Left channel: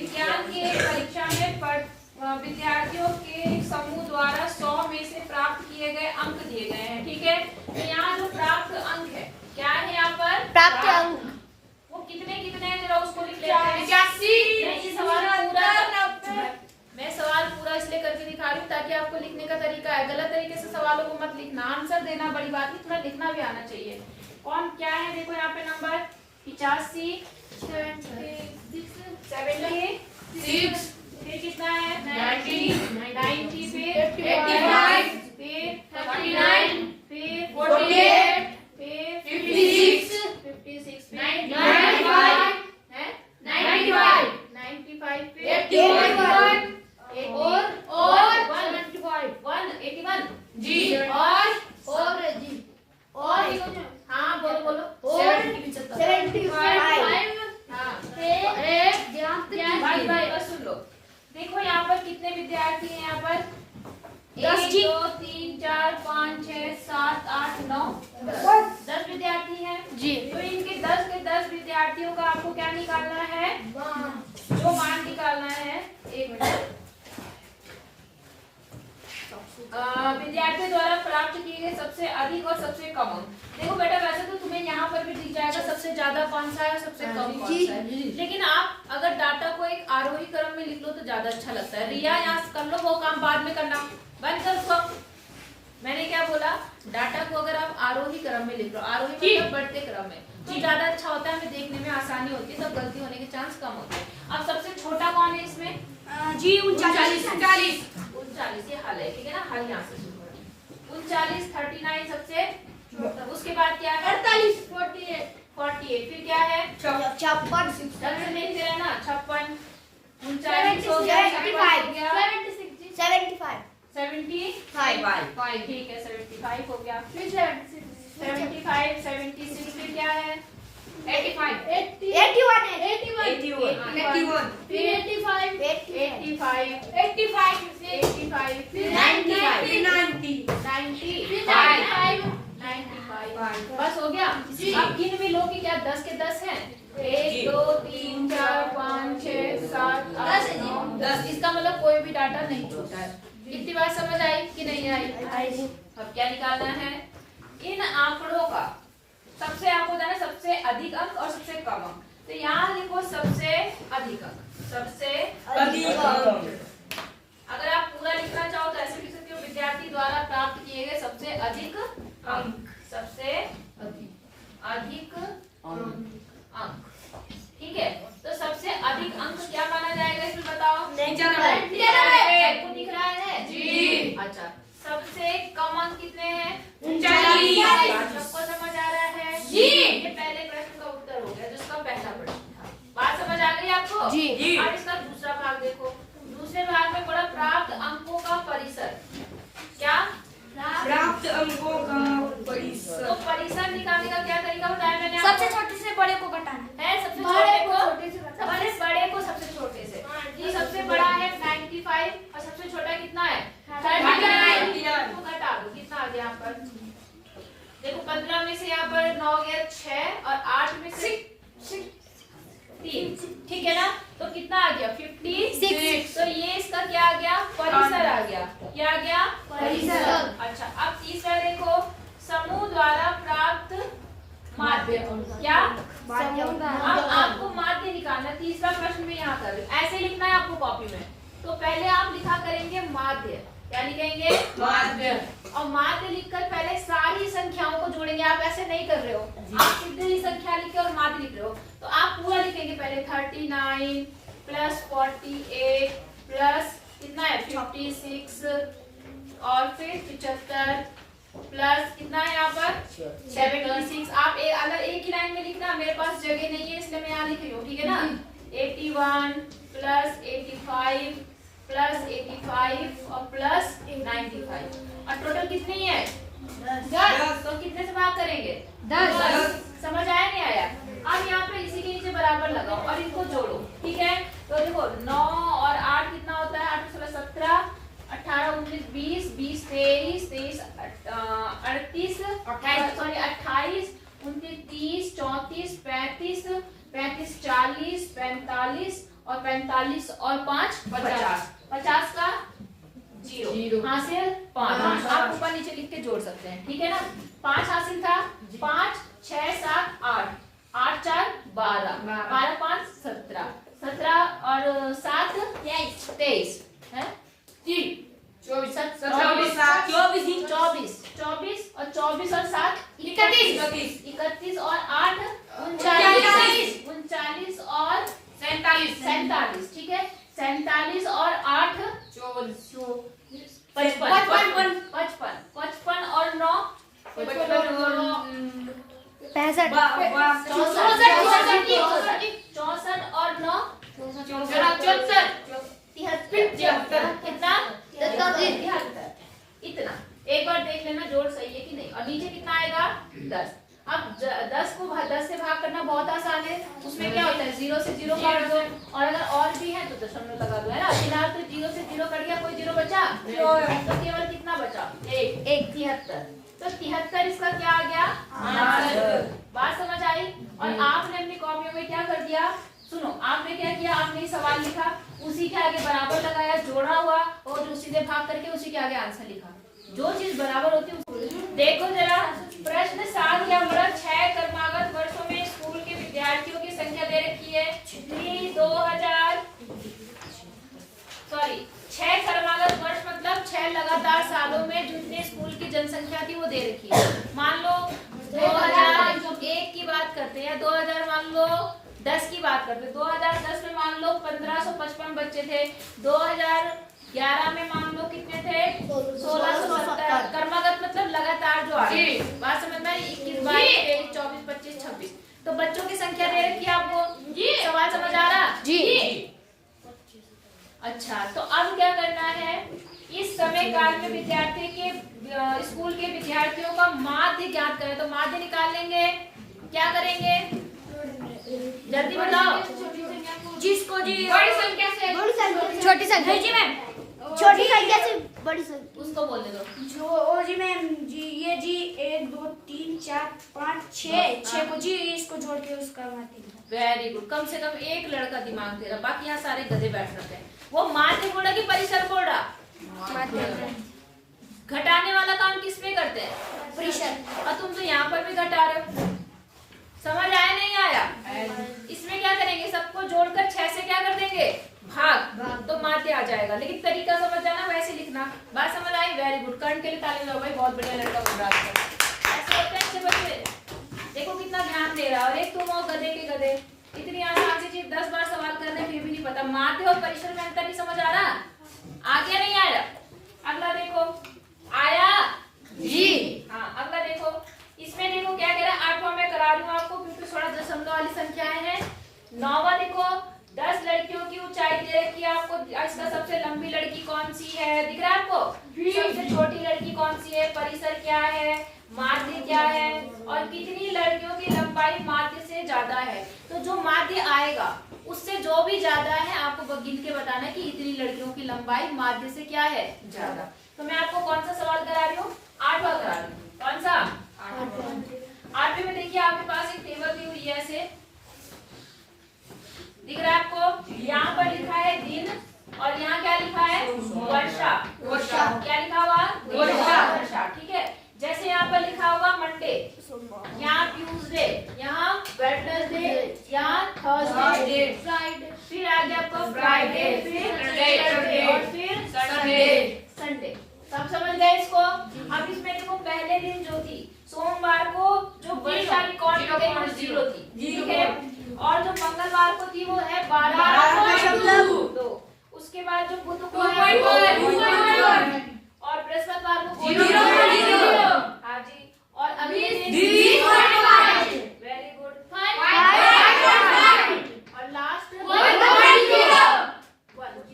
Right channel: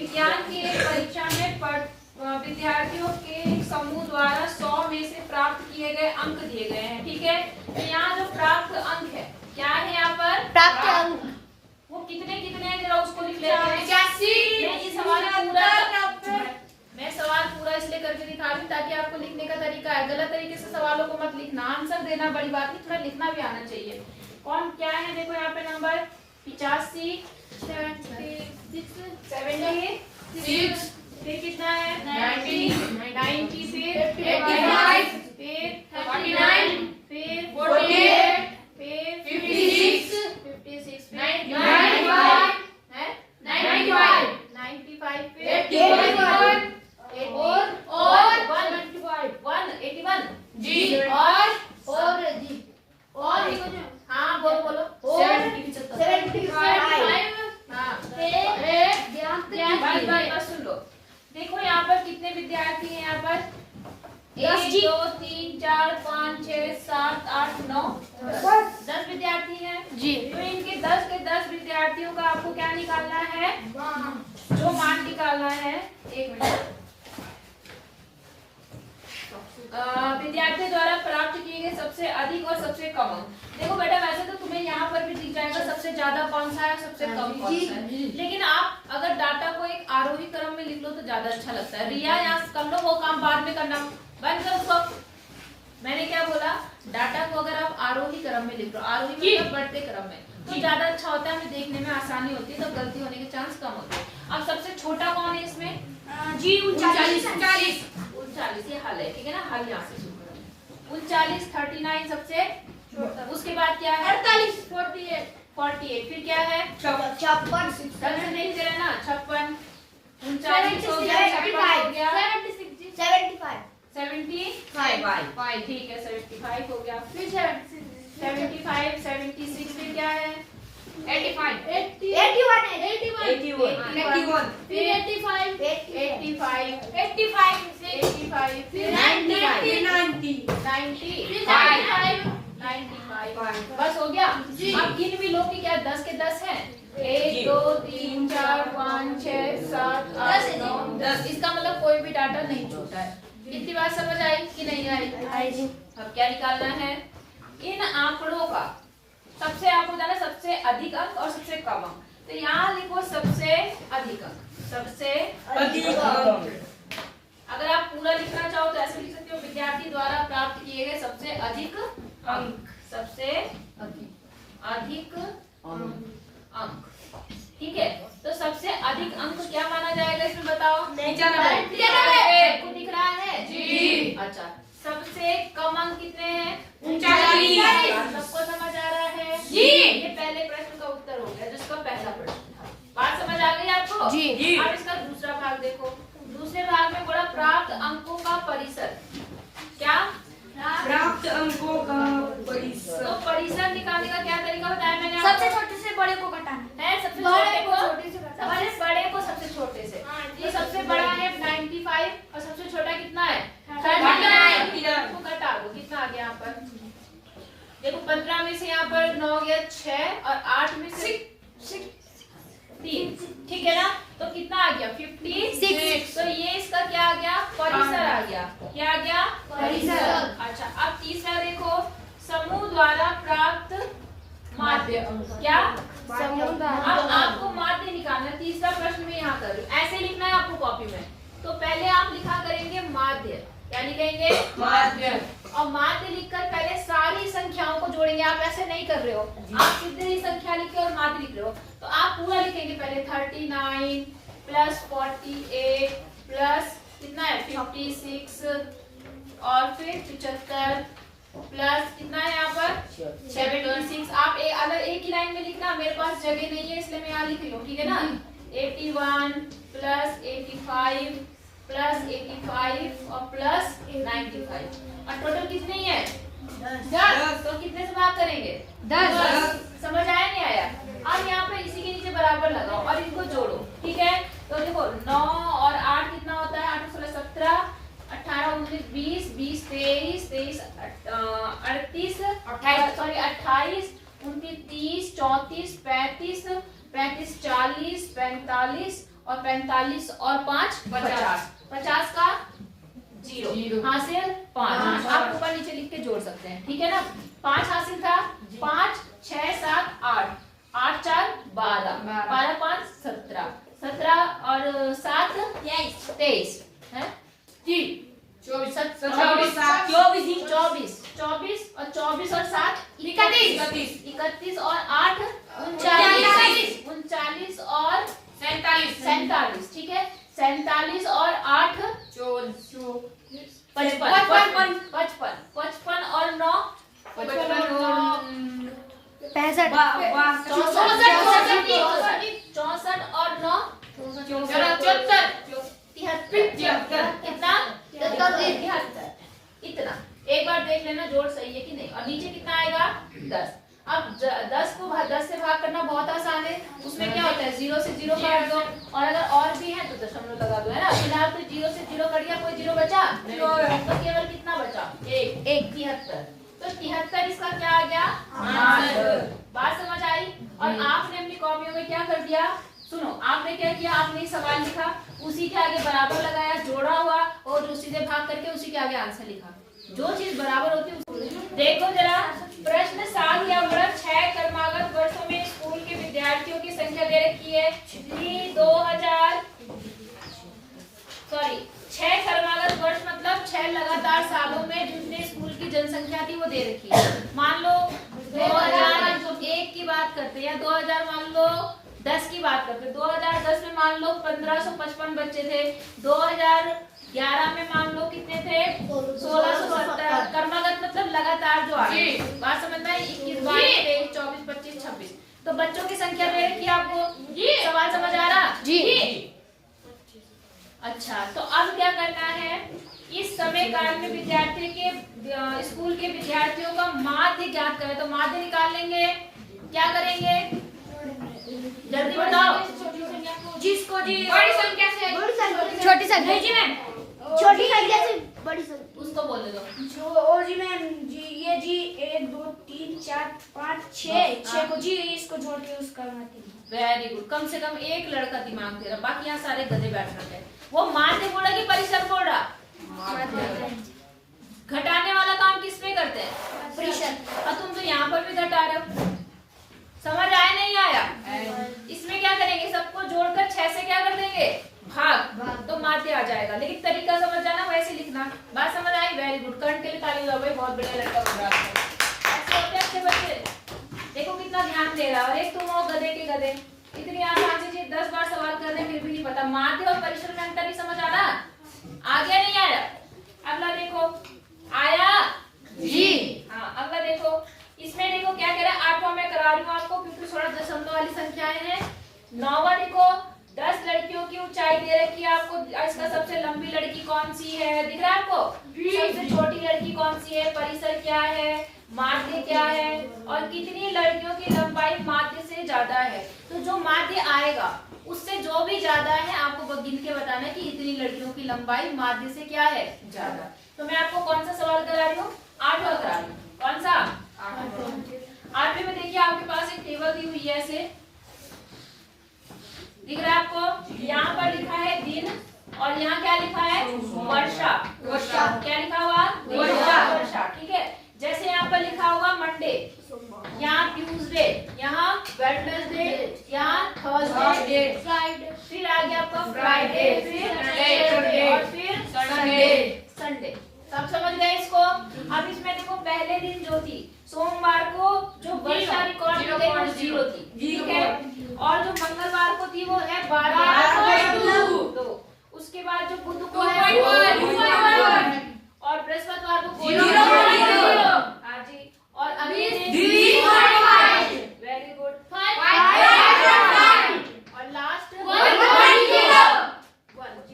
विज्ञान की एक परीक्षा में विद्यार्थियों के एक समूह द्वारा 100 में से प्राप्त किए गए अंक दिए गए हैं। ठीक है, तो यहाँ जो प्राप्त अंक है क्या है, यहाँ पर प्राप्त अंक वो कितने कितने हैं, जरा उसको लिख लेते हैं। मैं सवाल पूरा इसलिए करके दिखा रही हूँ ताकि आपको लिखने का तरीका है। गलत तरीके से सवालों को मत लिखना, आंसर देना बड़ी बात नहीं, थोड़ा लिखना भी आना चाहिए। कौन क्या है, देखो यहाँ पे नंबर 85, 76, फिर कितना है 90, फिर 85, फिर 49, फिर 48, फिर 56, फिर 95 है, 95, फिर 81 जी, और हाँ बोलो 75, हाँ बस सुन लो। देखो यहाँ पर कितने विद्यार्थी हैं, यहाँ पर 1 2 3 4 5 6 7 8 9 10 विद्यार्थी हैं जी। तो इनके 10 के 10 विद्यार्थियों का आपको क्या निकालना है, जो मान निकालना है। एक मिनट, विद्यार्थियों द्वारा प्राप्त किए गए सबसे अधिक और सबसे कम अंक। देखो बेटा, वैसे तो तुम्हें यहाँ पर भी दिख जाएगा सबसे ज्यादा कौन सा है, सबसे कम कौन सा है, लेकिन आप अगर डाटा को एक आरोही क्रम में लिख लो तो ज्यादा अच्छा लगता है। रिया यहाँ कर लो, वो काम बाद में करना, बंद कर उसको। मैंने क्या बोला, डाटा को अगर आप आरोही क्रम में लिख लो, आरोही मतलब बढ़ते क्रम में, तो ज्यादा अच्छा होता है, हमें देखने में आसानी होती है, तब गलती होने के चांस कम होते हैं। अब सबसे छोटा कौन है इसमें, जी 39, ये हल है, ठीक है ना, हल यहाँ से शुरू करें। 39, 39 सबसे, उसके बाद क्या है 48, 48, फिर क्या है 56, रंग से नहीं दे रहे ना, 56, 39 हो गया, 56 हो गया, 75, ठीक है 75 हो गया, फिर 75, 76, फिर क्या है 85, 81, फिर 85, फिर 95, बस हो गया। अब गिन भी लो कि क्या 10 के 10 हैं, 1 2 3 4 5 6 7 8 9 10, इसका मतलब कोई भी डाटा नहीं छूटा है। इतनी बात समझ आई कि नहीं आई? अब क्या निकालना है, इन आंकड़ों का सबसे, आपको बताना सबसे अधिक अंक और सबसे कम अंक, तो यहाँ लिखो सबसे अधिक अंक, सबसे अधिक अंक। अगर आप पूरा लिखना चाहो तो ऐसे लिख सकते हो, विद्यार्थी द्वारा प्राप्त किए गए सबसे अधिक अंक, सबसे अधिक अंक, ठीक है। तो सबसे अधिक अंक क्या माना जाएगा इसमें बताओ, दिख रहा है जी। अच्छा, सबसे कम अंक कितने हैं, 39, सबको समझ आ रहा है जी। ये पहले प्रश्न का उत्तर हो गया, जिसका पहला प्रश्न था, बात समझ आ गई आपको जी। अब इसका दूसरा भाग देखो, दूसरे भाग में बोला प्राप्त अंकों का परिसर, क्या प्राप्त अंकों का परिसर। तो परिसर निकालने का क्या तरीका बताया मैंने सबसे आपको, छोटे से बड़े को घटाना है सबसे बड़े को सबसे छोटे से, ये सबसे बड़ा है 95 और सबसे छोटा कितना है 39, तो घटा दो, कितना आ गया यहाँ पर, देखो 15 में से यहाँ पर 9 गया 6 और 8 में से 3, ठीक है ना, तो कितना आ गया 56, तो ये इसका क्या आ गया, परिसर आ गया, क्या आ गया परिसर। अच्छा, अब तीसरा देखो, समूह द्वारा प्राप्त माध्य, क्या समूह द्वारा, अब आपको माध्य निकालना, तीसरा प्रश्न में यहाँ कर रही हूँ, ऐसे लिखना है आपको कॉपी में। तो पहले आप लिखा करेंगे माध्य, क्या लिखेंगे माध्य, और माध्य लिखकर पहले सारी संख्याओं को जोड़ेंगे। आप ऐसे नहीं कर रहे हो, आप सीधे ही संख्या लिखे और माध्य लिख रहे हो, तो आप पूरा लिखेंगे पहले 39 प्लस 48 प्लस कितना है 56 और फिर 75 प्लस कितना है यहाँ पर 76। आप अगर एक ही लाइन में लिखना, मेरे पास जगह नहीं है इसलिए मैं यहाँ लिख रही हूँ, ठीक है ना। 81 प्लस 85 प्लस 85 और प्लस 95, और टोटल कितनी है 10। तो कितने से भाग करेंगे 10। समझ आया नहीं आया? अब यहाँ पे इसी के नीचे बराबर लगाओ और इनको जोड़ो, ठीक है। तो देखो 9 और 8 कितना होता है, 8 16 17 18 19 20 20 23 23 38 सॉरी 28 29 30 34 35 35 40 45 और 45 और 5 50, 50 का 0 हासिल 5। आप ऊपर नीचे लिख के जोड़ सकते हैं, ठीक है ना। 5 हासिल था, 5 6 7 8, 8 4 12, 12 5 17, 17 और 7 23 है 24 और 24 और 7 31 और 8 39 और 47, ठीक है। 47 और 8 55 और 9 65 64 और 9 73, कितना 73, इतना। एक बार देख लेना जोड़ सही है कि नहीं। और नीचे कितना आएगा 10। अब 10 को 10 से भाग करना बहुत आसान है। उसमें क्या होता है 0 से 0 काट दो, और अगर और भी है तो दशमलव लगा दो, है ना। फिलहाल तो 0 से 0 कट गया, कोई 0 बचा तो केवल कितना बचा 1 73। तो 73 इसका क्या आ गया बात समझ आई। और आपने अपनी कॉपियों में क्या कर दिया, सुनो, आपने क्या किया, आपने सवाल लिखा, उसी के आगे बराबर लगाया, जोड़ा हुआ, और उसी से भाग करके उसी के आगे आंसर लिखा। जो चीज बराबर होती है देखो जरा। प्रश्न 7 या 6 क्रमागत वर्षों में स्कूल के विद्यार्थियों की संख्या दे रखी है 6 क्रमागत वर्ष मतलब 6 लगातार सालों में जितने स्कूल की जनसंख्या थी वो दे रखी है। मान लो 2001 की बात करते हैं, या 2000 मान लो 10 की बात करते हैं। 2010 में मान लो 1555 बच्चे थे, 2011 में मान लो कितने थे 1670। क्रमागत मतलब लगातार जो आए, बात समझना है। 21 22 23 24 25 26 तो बच्चों की संख्या दे रखी है आपको। सवाल समझ आ रहा जी। अच्छा, तो अब क्या करना है, इस समय काल में विद्यार्थी के स्कूल के विद्यार्थियों का माध्य ज्ञात करें। तो माध्य निकाल लेंगे, क्या करेंगे जल्दी बताओ। जिसको जी बड़ी संख्या से छोटी संख्या छोटी संख्या से बड़ी संख्या उसको बोलने दो। जो ओ जी मैम जी, ये जी 1 2 3 4 5 6 को जी इसको जोड़ के उसका माध्य। Very good. कम से कम एक लड़का दिमाग दे रहा, बाकी यहाँ सारे गधे बैठ रखे हैं। वो माध्य बोला कि परिसर बोला। घटाने वाला काम किस में करते हैं परिसर। और तुम तो यहाँ पर भी घटा रहे हो, समझ आया नहीं आया। इसमें क्या करेंगे, सबको जोड़कर 6 से क्या कर देंगे भाग, तो माध्य आ जाएगा। लेकिन तरीका समझ जाना, वैसे लिखना। बात समझ आई, वेरी गुड। कर्ण के लिए ताली बजाओ भाई, बहुत बढ़िया लड़का बन रहा है। ऐसे होते हैं अच्छे बच्चे, देखो कितना ध्यान दे रहा है। और एक तुम हो गधे के गधे, इतनी आसान से 10 बार सवाल करने फिर भी नहीं पता। माध्य और परिसर में अंतर नहीं समझ आ रहा, आ गया नहीं आया। अगला देखो, आया जी। हाँ, अगला देखो, इसमें देखो क्या कह रहा है। 8वां मैं करा रही हूँ आपको क्योंकि थोड़ा दशमलव वाली संख्याएं हैं। 9वां देखो, 10 लड़कियों की ऊंचाई दे रखी है आपको। इसका सबसे लंबी लड़की कौन सी है, दिख रहा है आपको। सबसे छोटी लड़की कौन सी है, परिसर क्या है, माध्य क्या है, और कितनी लड़कियों की लंबाई माध्य से ज्यादा है। तो जो माध्य आएगा उससे जो भी ज्यादा है आपको गिन के बताना कि इतनी लड़कियों की लंबाई माध्य से क्या है ज्यादा। तो मैं आपको कौन सा सवाल करा रही हूँ, 8वां करा रही हूँ। कौन सा 8वें में देखिए आपके पास एक टेबल दी हुई है, ऐसे दिख रहा है आपको। यहाँ पर लिखा है दिन, और यहाँ क्या लिखा है वर्षा। वर्षा क्या लिखा हुआ वर्षा, ठीक है। जैसे यहाँ पर लिखा होगा मंडे, यहाँ ट्यूसडे, यहाँ वेडनेसडे, यहाँ थर्सडे, फिर आ गया आपका फ्राइडे, फिर सैटरडे और फिर संडे। सब समझ गए इसको। अब इसमें देखो पहले दिन जो थी सोमवार को जो वर्षा रिकॉर्ड की गई वो 0 थी, ठीक है। और जो मंगलवार को थी वो है 12.2। उसके बाद जो बुध को है और बृहस्पतिवार को 0। हाँ जी। और अभी वेरी गुड। और लास्ट 1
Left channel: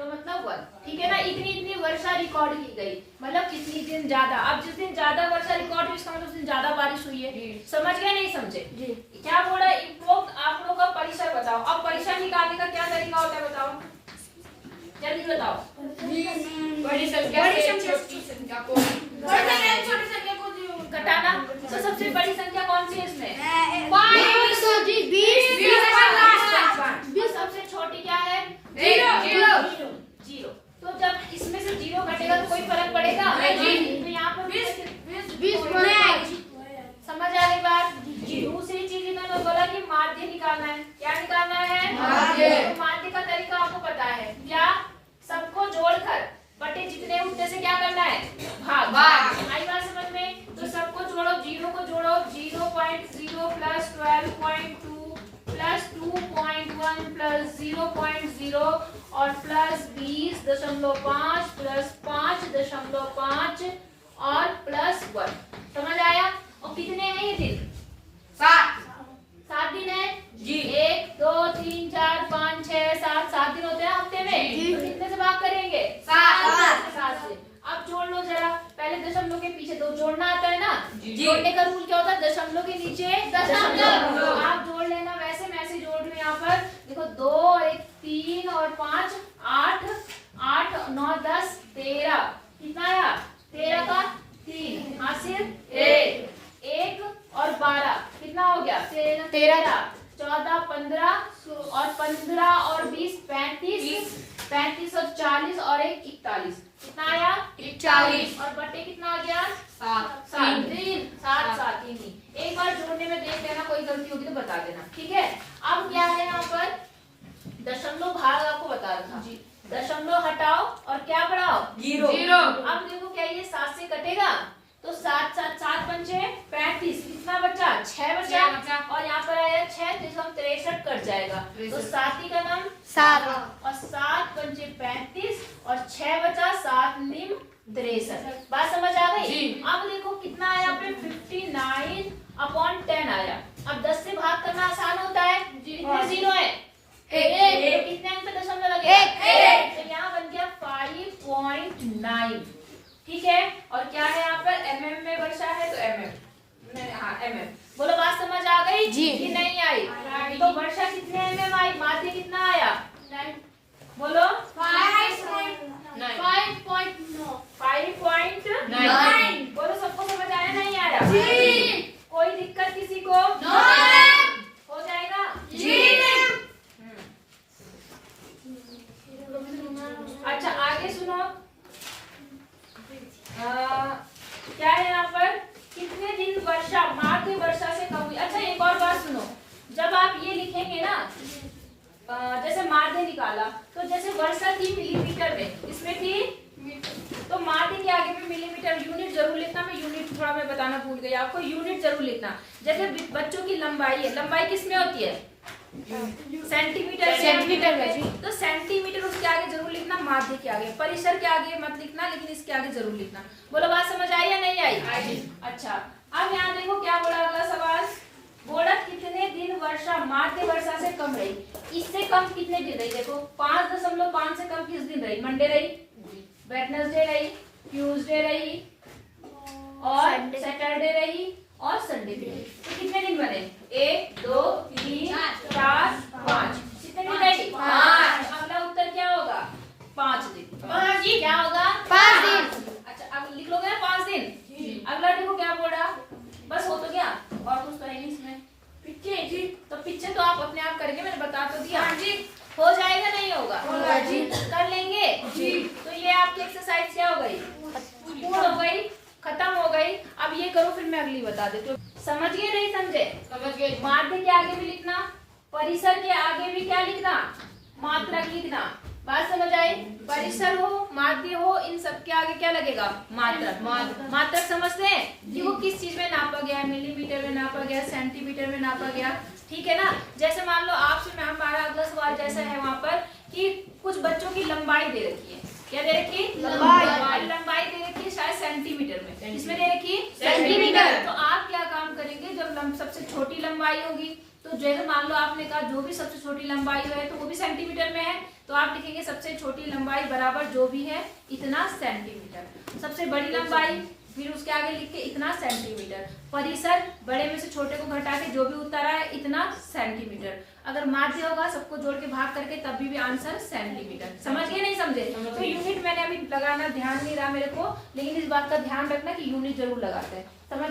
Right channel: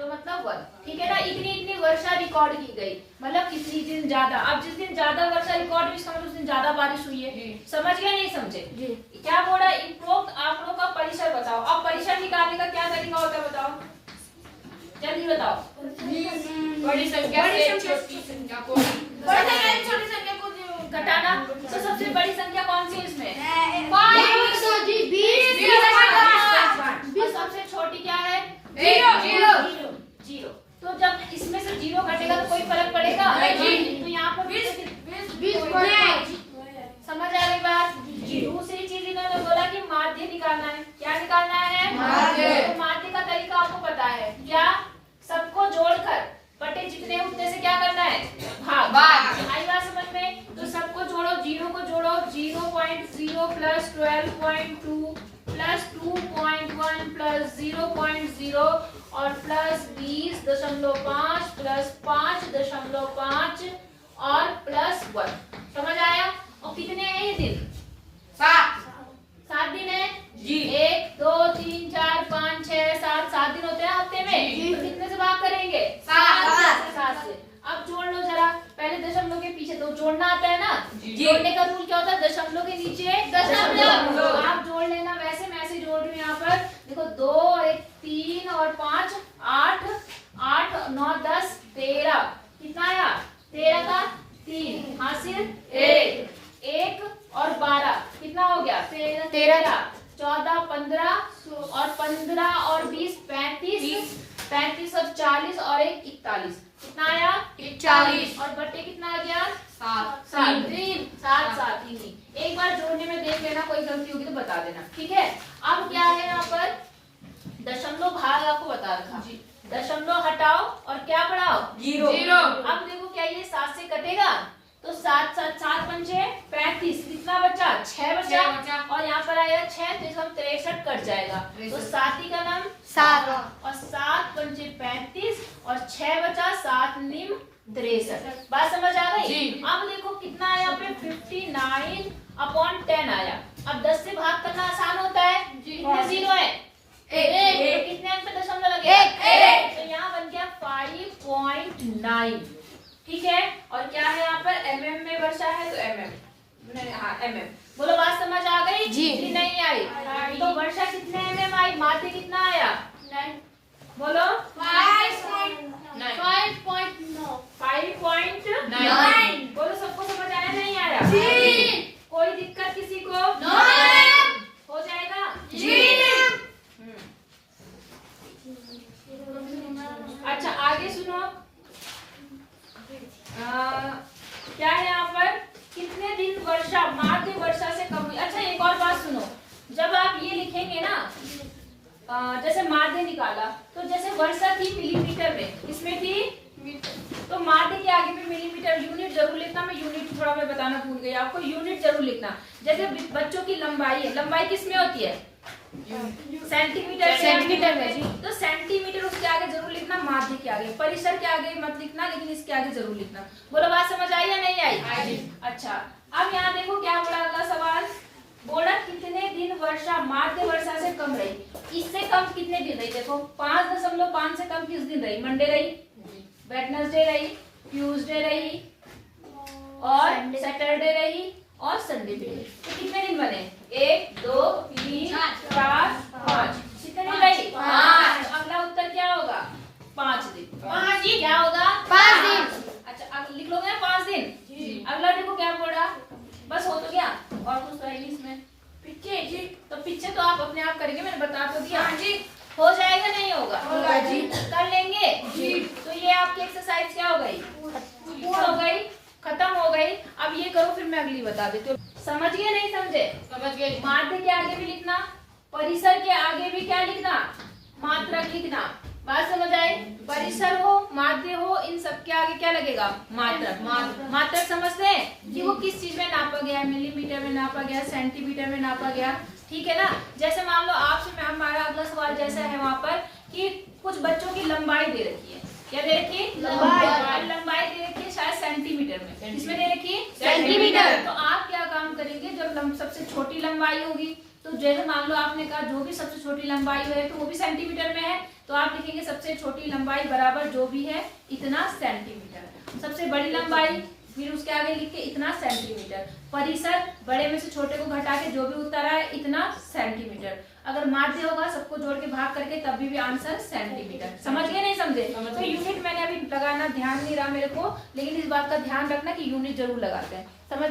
मतलब 1, ठीक है ना। इतनी वर्षा रिकॉर्ड की गई, मतलब कितनी दिन ज्यादा। अब जिस दिन ज्यादा वर्षा रिकॉर्ड हुई इसका मतलब उस दिन ज्यादा बारिश हुई है। समझ गए नहीं समझे। क्या बोला, उपरोक्त आंकड़ों का परिसर बताओ। अब परिसर निकालने का क्या तरीका होता है बताओ, जल्दी बताओ। बड़ी संख्या से छोटी संख्या को घटाना। तो सबसे बड़ी संख्या कौन सी है इसमें 20 और सबसे छोटी क्या है आपको पता है क्या, सबको जोड़कर बटे जितने उतने से क्या करना है, भाग। आई बात समझ में? तो सबको जोड़ो, जीरो को जोड़ो, 0.0 प्लस 12.2 प्लस 2.1 प्लस 0.0 और प्लस 20.5 प्लस 5.5 और प्लस 1। समझ आया? और कितने हैं ये दिन? 7 दिन है जी। 1 2 3 4 5 6 7 दिन होते हैं हफ्ते में। तो कितने से भाग करेंगे? 7 से। अब जोड़ लो जरा, पहले दशमलव के पीछे तो जोड़ना आता है ना। जोड़ने का रूल क्या होता है? दशमलव के नीचे दशमलव। तो आप जोड़ लेना, वैसे मैं ऐसे जोड़ रही हूँ यहाँ पर। देखो 2 और 1 3 और 5 8 8 9 10 13। कितना आया? 13 का 3 हासिल 1 और 12 कितना हो गया? 13 14 15 और 15 और 20 35 35 और 40 और 1 41। कितना आया? 41। और बट्टे कितना आ गया? 7 7 नहीं। एक बार जोड़ने में देख लेना, कोई गलती होगी तो बता देना, ठीक है? अब क्या है यहाँ पर, दशमलव भाग आपको बता रखा, दशमलव हटाओ और क्या बढ़ाओ? 0। अब देखो क्या ये 7 से कटेगा? तो 7 पंचे 35, कितना बचा? 6 बचा। और यहाँ पर आया 6 तो हम 63 कट जाएगा। तो 7 का नाम 7 और 7 पंचे 35 और 6 बचा, 7 निम 63। बात समझ आ गई? अब देखो कितना आया यहाँ पे? 59/10 आया। अब 10 से भाग करना आसान होता है। कितने जीरो है? 1। तो कितने अंक पे दशमलव लगेगा? 1। तो यहाँ बन गया 5.9, ठीक है? और क्या है यहाँ पर? mm में वर्षा है तो mm। हाँ mm। बोलो बात समझ आ गई जी। कि नहीं आई? तो वर्षा कितने mm आई? माध्य कितना आया? बोलो 5.9। बोलो सबको समझ आया नहीं आया? कोई दिक्कत किसी को? हो जाएगा? अच्छा आगे सुनो। क्या है यहाँ पर? कितने दिन वर्षा माध्य वर्षा से कम हुई? अच्छा एक और बात सुनो, जब आप ये लिखेंगे ना, जैसे माध्य निकाला तो जैसे वर्षा थी मिलीमीटर में, इसमें थी, तो माध्य के आगे में मिलीमीटर, यूनिट जरूर लिखना। मैं यूनिट थोड़ा मैं बताना भूल गई आपको, यूनिट जरूर लिखना। जैसे बच्चों की लंबाई है, लंबाई किसमें होती है? सेंटीमीटर में जी। तो सेंटीमीटर उसके आगे जरूर लिखना, माध्य के आगे। परिसर के आगे मत लिखना, लेकिन इसके आगे जरूर लिखना। बोलो बात समझ आई या नहीं आई? अच्छा अब यहाँ देखो क्या बोला अगला सवाल, बोला कितने दिन वर्षा माध्य वर्षा से कम रही? इससे कम कितने दिन रही? देखो 5.5 से कम किस दिन रही? मंडे रही, वेडनेसडे रही, ट्यूसडे रही और सैटरडे रही और संडे भी रही। तो कितने दिन बने? 1 2 3 4 5। कितने दिन रही? 5। अगला उत्तर क्या होगा? 5 दिन। 5 दिन क्या होगा? 5 दिन। अच्छा अब लिख लोगे ना 5 दिन। अगला देखो क्या बोला, बस हो तो गया और कुछ तो है नहीं इसमें। पीछे जी, तो पीछे तो आप अपने आप करेंगे, मैंने बता तो दिया। हो जाएगा नहीं होगा? होगा जी। कर लेंगे जी। तो ये आपकी एक्सरसाइज क्या हो गई? पूर्ण हो गई, खत्म हो गई। अब ये करो फिर मैं अगली बता देती हूँ। समझ गए नहीं समझे? समझ गए। माध्य के आगे भी लिखना, परिसर के आगे भी क्या लिखना? मात्रक लिखना। बात समझ आई? परिसर हो, माध्य हो, इन सब के आगे क्या लगेगा? मात्रक। मात्रक समझते हैं कि वो किस चीज में नापा गया है? मिलीमीटर में नापा गया, सेंटीमीटर में नापा गया, ठीक है ना? जैसे मान लो आपसे हमारा अगला सवाल जैसा है वहाँ पर कि कुछ बच्चों की लंबाई दे रखी है। क्या दे रखी? लंबाई दे रखी है शायद सेंटीमीटर में। इसमें दे रखी सेंटीमीटर। तो आप क्या काम करेंगे, जब सबसे छोटी लंबाई होगी तो जैसे मान लो आपने कहा जो भी सबसे छोटी लंबाई है तो वो भी सेंटीमीटर में है, तो आप लिखेंगे सबसे छोटी लंबाई बराबर जो भी है इतना सेंटीमीटर। सबसे बड़ी लंबाई फिर उसके आगे लिख के इतना सेंटीमीटर। परिसर बड़े में से छोटे को घटा के जो भी उत्तर आए इतना सेंटीमीटर। अगर माध्य होगा सबको जोड़ के भाग करके तब भी आंसर सेंटीमीटर। समझ गए नहीं समझे? तो यूनिट मैंने अभी लगाना ध्यान नहीं रहा मेरे को, लेकिन इस बात का ध्यान रखना कि यूनिट जरूर लगाते हैं। समझ